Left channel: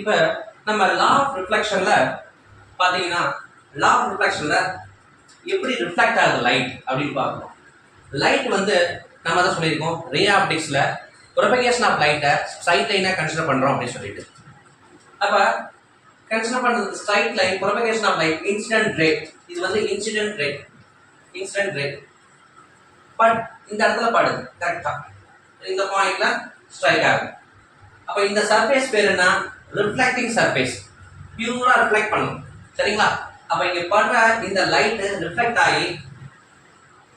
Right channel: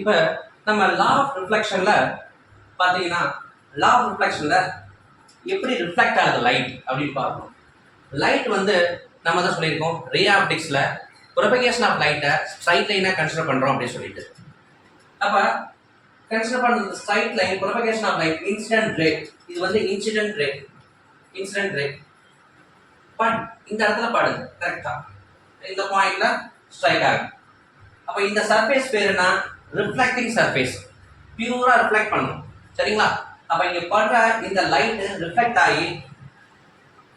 இப்போ நம்ம law of ரிஃப்ளெக்ஷன்ல பார்த்தீங்கன்னா லா ஆஃப் ரிஃப்ளெக்ஷன்ல எப்படி ரிஃப்ளெக்ட் ஆகுது லைட் அப்படின்னு பார்க்கணும். லைட் வந்து நம்ம தான் சொல்லியிருக்கோம் ரே ஆப்டிக்ஸில் ப்ரொபகேஷன் ஆஃப் லைட்டை ஸ்ட்ரைட் லைனாக கன்சிடர் பண்ணுறோம் அப்படின்னு சொல்லிட்டு. அப்போ கன்சிடர் பண்ணுறது straight line propagation of light incident ray. இது வந்து இன்சிடென்ட் ரே பட் இந்த இடத்துல படுது கரெக்டாக இந்த பாயிண்ட்ல ஸ்ட்ரைக் ஆகுது. அப்போ இந்த சர்ஃபேஸ் பேர் என்ன? Reflecting surface. பியூரா ரிஃப்ளெக்ட் பண்ணும் சரிங்களா. அப்போ இங்க படுற இந்த லைட் ரிஃப்ளெக்ட் ஆகி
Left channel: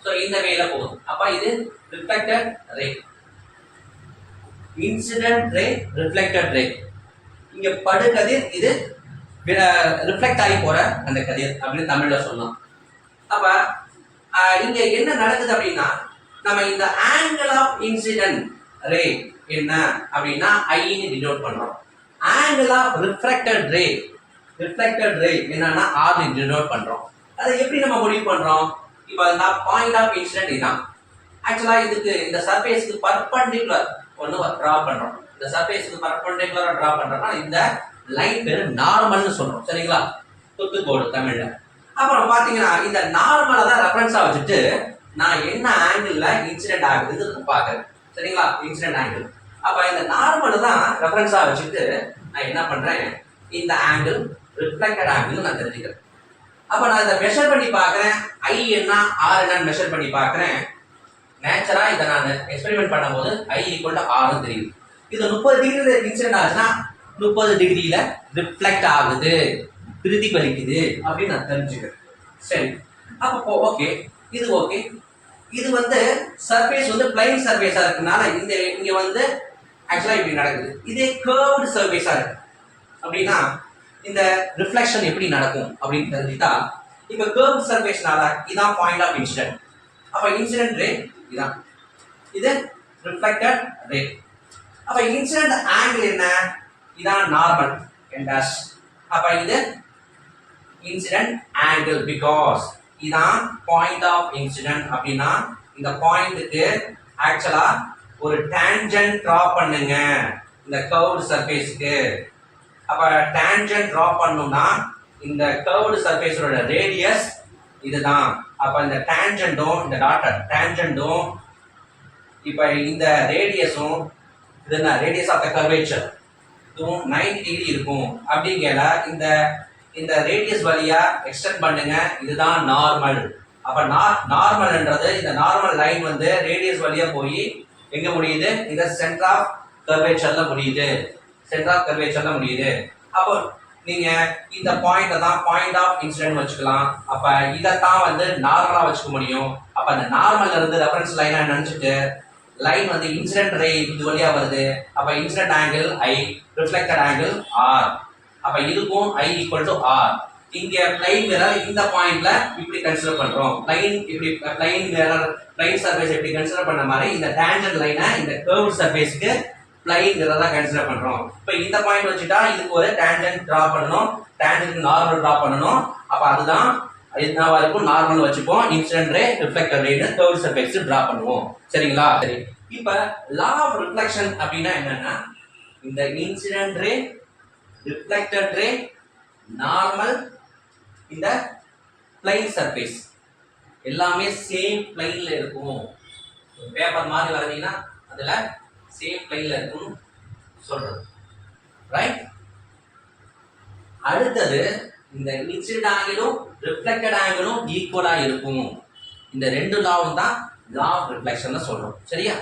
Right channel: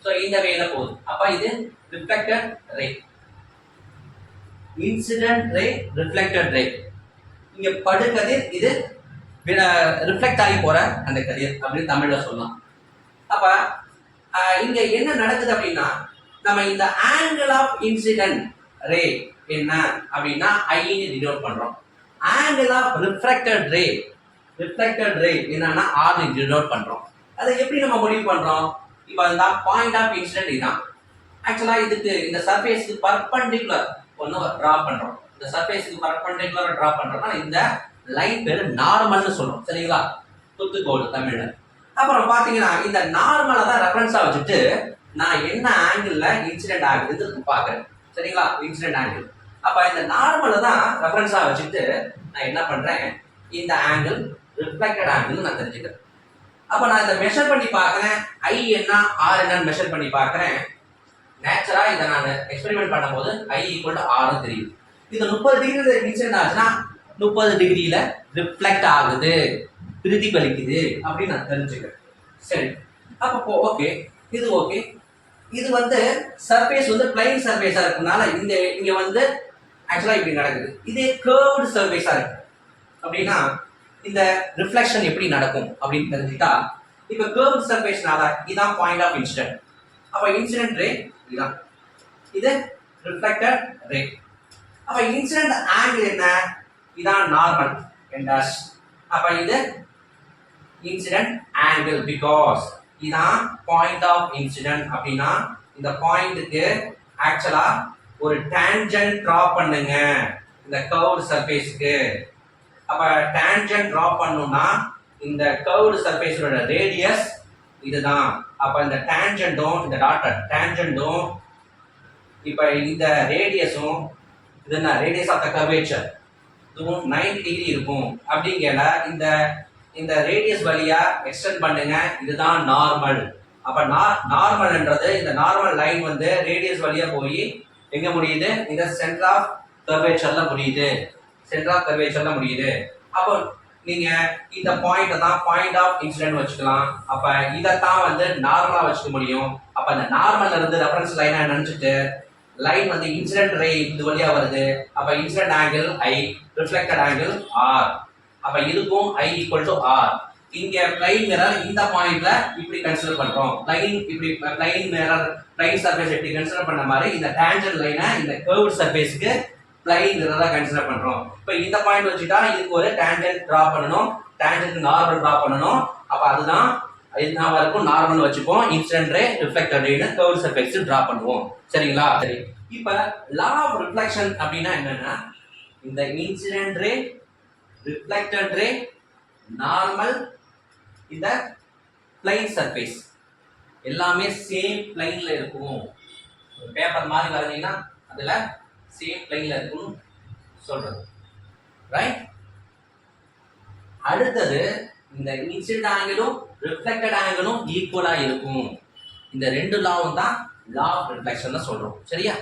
ஸோ இந்த வேல போகுது. அப்போ இது reflected ray, incident ray, reflected ray. இங்க படு கதிர், இது ரிஃப்ளெக்ட் ஆகி போற அந்த கதிர் அப்படின்னு தமிழ்ல சொல்லலாம். அப்ப இங்க என்ன நடக்குது அப்படின்னா நம்ம இந்த ஆங்கிள் ஆஃப் இன்சிடென்ட் ரே என்ன அப்படின்னா ஐன்னு டினோட் பண்றோம். ஆங்கிள் ஆஃப் ரிஃப்ளெக்டட் ரே என்னன்னா ஆர்னு டினோட் பண்றோம். அதை எப்படி நம்ம முடிவு பண்றோம்? இப்போ இந்த பாயிண்ட் ஆஃப் இன்சிடென்ட் இதுதான். ஆக்சுவலா இதுக்கு இந்த சர்ஃபேஸ்க்கு பர்பெண்டிகுலர் ஒன்று டிரா பண்றோம். இந்த சர்ஃபேஸ்க்கு பர்பெண்டிகுலரா டிரா பண்றோம்னா இந்த லைன் பேரு நார்மல்னு சொல்றோம் சரிங்களா, குத்துக்கோடு தமிழ்ல. அப்புறம் பாத்தீங்கன்னா இந்த நார்மலை தான் ரெஃபரன்ஸா வச்சுட்டு நான் என்ன ஆங்கிள் இன்சிடென்ட் ஆகுதுன்னு பாக்குறேன் சரிங்களா, இன்சிடென்ட் ஆங்கிள். அப்ப இந்த நார்மலை தான் ரெஃபரன்ஸா வச்சுட்டு நான் என்ன பண்றேன், இந்த ஆங்கிள் ரிஃப்ளெக்டட் ஆங்கிள் நான் தெரிஞ்சுக்கிறேன். அப்ப நான் இதை மெஷர் பண்ணி பார்க்கறேன், ஐ என்ன ஆர் என்னன்னு மெஷர் பண்ணி பார்க்கறேன். நேச்சுரா இதை நான் எக்ஸ்பெரிமெண்ட் பண்ணும்போது ஐ ஈக்குவல் டு ஆர் தெரியும். இது 30 டிகிரியில இன்சிடென்ட் ஆச்சுன்னா 30 டிகிரியில ரிஃப்ளெக்ட் ஆகுது, பிரதிபலிக்குது அப்படின்னு நான் தெரிஞ்சுக்கிறேன். சரி, அப்போ ஓகே, இது ஓகே. இது வந்து சர்ஃபேஸ் வந்து பிளைன் சர்ஃபேஸா இருக்கனால இந்த இங்க வந்து ஆக்சுவலா இப்படி நடக்குது. இதே கர்வ்டு சர்ஃபேஸா இருக்கு அப்படின்னா இந்த ரிஃப்ளெக்ஷன் எப்படி நடக்கும் அப்படின்னு தெரிஞ்சுட்டா, இப்போ கர்வ் சர்ஃபேஸ்னால இதான் பாயிண்ட் ஆஃப் இன்சிடென்ட். அப்ப இன்சிடென்ட் ரே இதான், இது ரிஃப்ளெக்டட் ரே. அப்ப இன்சிடென்ட் ஆங்கிள் என்ன? இதான் நார்மல் n dash. அப்ப இது இன்சிடென்ட் ஆங்கிள் பிகாஸ் இதான் பாயிண்ட் ஆஃப் இன்சிடென்ட். அப்படின்னா இந்த பாயிண்ட்டுக்கு ஆக்சுவலா ஒரு டான்ஜென்ட் டிரா பண்ணுங்க இந்த கர்வ்டு சர்ஃபேஸ்க்கு. அப்ப டான்ஜென்ட் டிரா பண்ணனும்னா இந்த கர்வ்டு சர்ஃபேஸோட ரேடியஸ் இதுதான். அப்ப இந்த டான்ஜென்ட்டும் இந்த டாட்டட் டான்ஜென்ட்டும் இப்ப இந்த ரேடியஸும் இது என்ன ரேடியஸ் ஆஃப் த கர்வேச்சர் இதுவும் 90 டிகிரி இருக்கும். அப்படிங்கல இந்த இந்த ரேடியஸ் வழியா எக்ஸ்டெண்ட் பண்ணுங்க, இதுதான் நார்மல். அப்ப நார்மல்ன்றது இந்த நார்மல் லைன் வந்து ரேடியஸ் வழியா போய் எங்க முடியுது? இந்த சென்டர் ஆஃப் கர்வேச்சர்ல முடியுது, சென்டர் ஆஃப் கர்வேச்சர்ல முடியுது. அப்போ நீங்க இந்த பாயிண்ட் தான் பாயிண்ட் ஆஃப் இன்சிடென்ட் வச்சுக்கலாம். அப்ப இதைத்தான் வந்து நார்மலா வச்சுக்க முடியும். அப்ப இந்த நார்மல்ல இருந்து ரெஃபரன்ஸ் லைனா நினைச்சிட்டு லைன் வந்து இன்சிடென்ட் ரே இது வழியா வருது. அப்ப incident angle I, reflected angle R. அப்ப இதுக்கும் ஐ ஈக்குவல் டு ஆர். இங்க பிளைன் மிரர் இந்த பாயிண்ட்ல இப்படி கன்சிடர் பண்றோம். பிளைன் இப்படி பிளைன் மிரர் பிளைன் சர்ஃபேஸ் எப்படி கன்சிடர் பண்ண மாதிரி இந்த டான்ஜென்ட் லைனை இந்த கர்வ் சர்ஃபேஸ்க்கு பிளைன் மிரரா கன்சிடர் பண்றோம். இப்போ இந்த பாயிண்ட் வச்சுட்டா இதுக்கு ஒரு டான்ஜென்ட் டிரா பண்ணணும், டான்ஜென்ட் நார்மல் டிரா பண்ணணும். அப்ப அதுதான் என்னவா இருக்கும்? நார்மல் வச்சுப்போம், இன்சிடென்ட் ரே, ரிஃப்ளெக்டட் ரேன்னு கர்வ் சர்ஃபேஸ் டிரா பண்ணுவோம் சரிங்களா. சரி, இப்போ லா ஆஃப் ரிஃப்ளெக்ஷன் அப்படின்னா என்னன்னா இந்த incident ray, reflected ray, normal, இந்த பிளைன் சர்ஃபேஸ் எல்லாமே சேம் பிளைன்ல இருக்கும். பேப்பர் மாதிரி வரைஞ்சீங்கன்னா அதுல சேம் பிளைன்ல இருக்கும் சொல்றது ரைட். அடுத்தது இந்த இன்சிடென்ட் ஆங்கிளும் ரிஃப்ளெக்டட் ஆங்கிளும் ஈக்குவலா இருக்கும். இந்த ரெண்டு லாவும் தான் லா ஆஃப் ரிஃப்ளெக்ஷன் சொல்றோம் சரியா.